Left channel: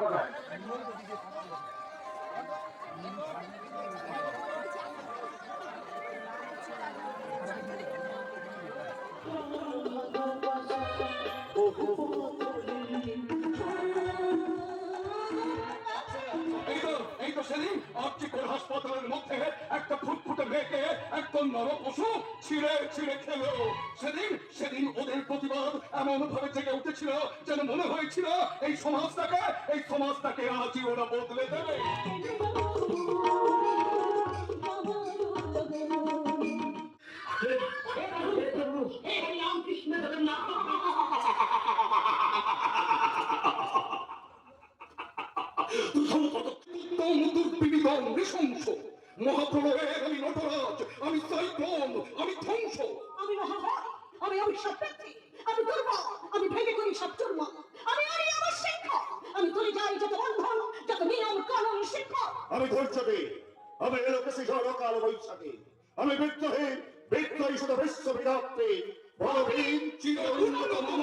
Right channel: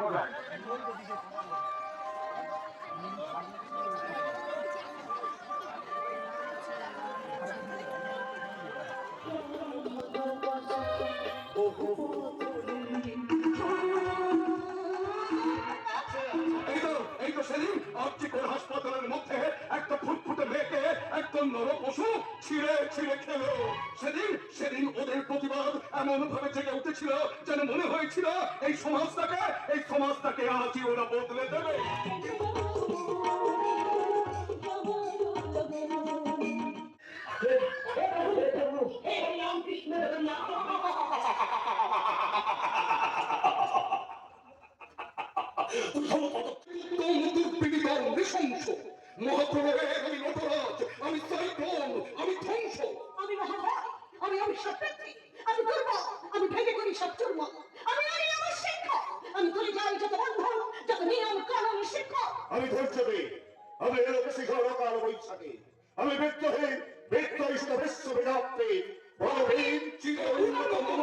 করবেন এই তো সেদিন আর্থিকর হাসপাতালের মধ্যে একটা ফুটফুটে মেয়েকে একদম নর পশু ছিঁড়ে ছিঁড়ে খেলো সেদিন সেদিন ওদের প্রতিবাদ এমন ভাবে জেগে উঠেছিল যেন মনে হয় হয়েছিল এই সমাজটাকে এই সমাজটাকে আজই ওরা বদলে দেবে। আমি নটরাজ আমি ধৈর্যতে আমি এলোকে শিখর কাল বৈশাখী, আমি বিদ্রোহী বিদ্রোহী শুধু বিশ্ববিদাত্রী বলবীর চির উন্নত মম!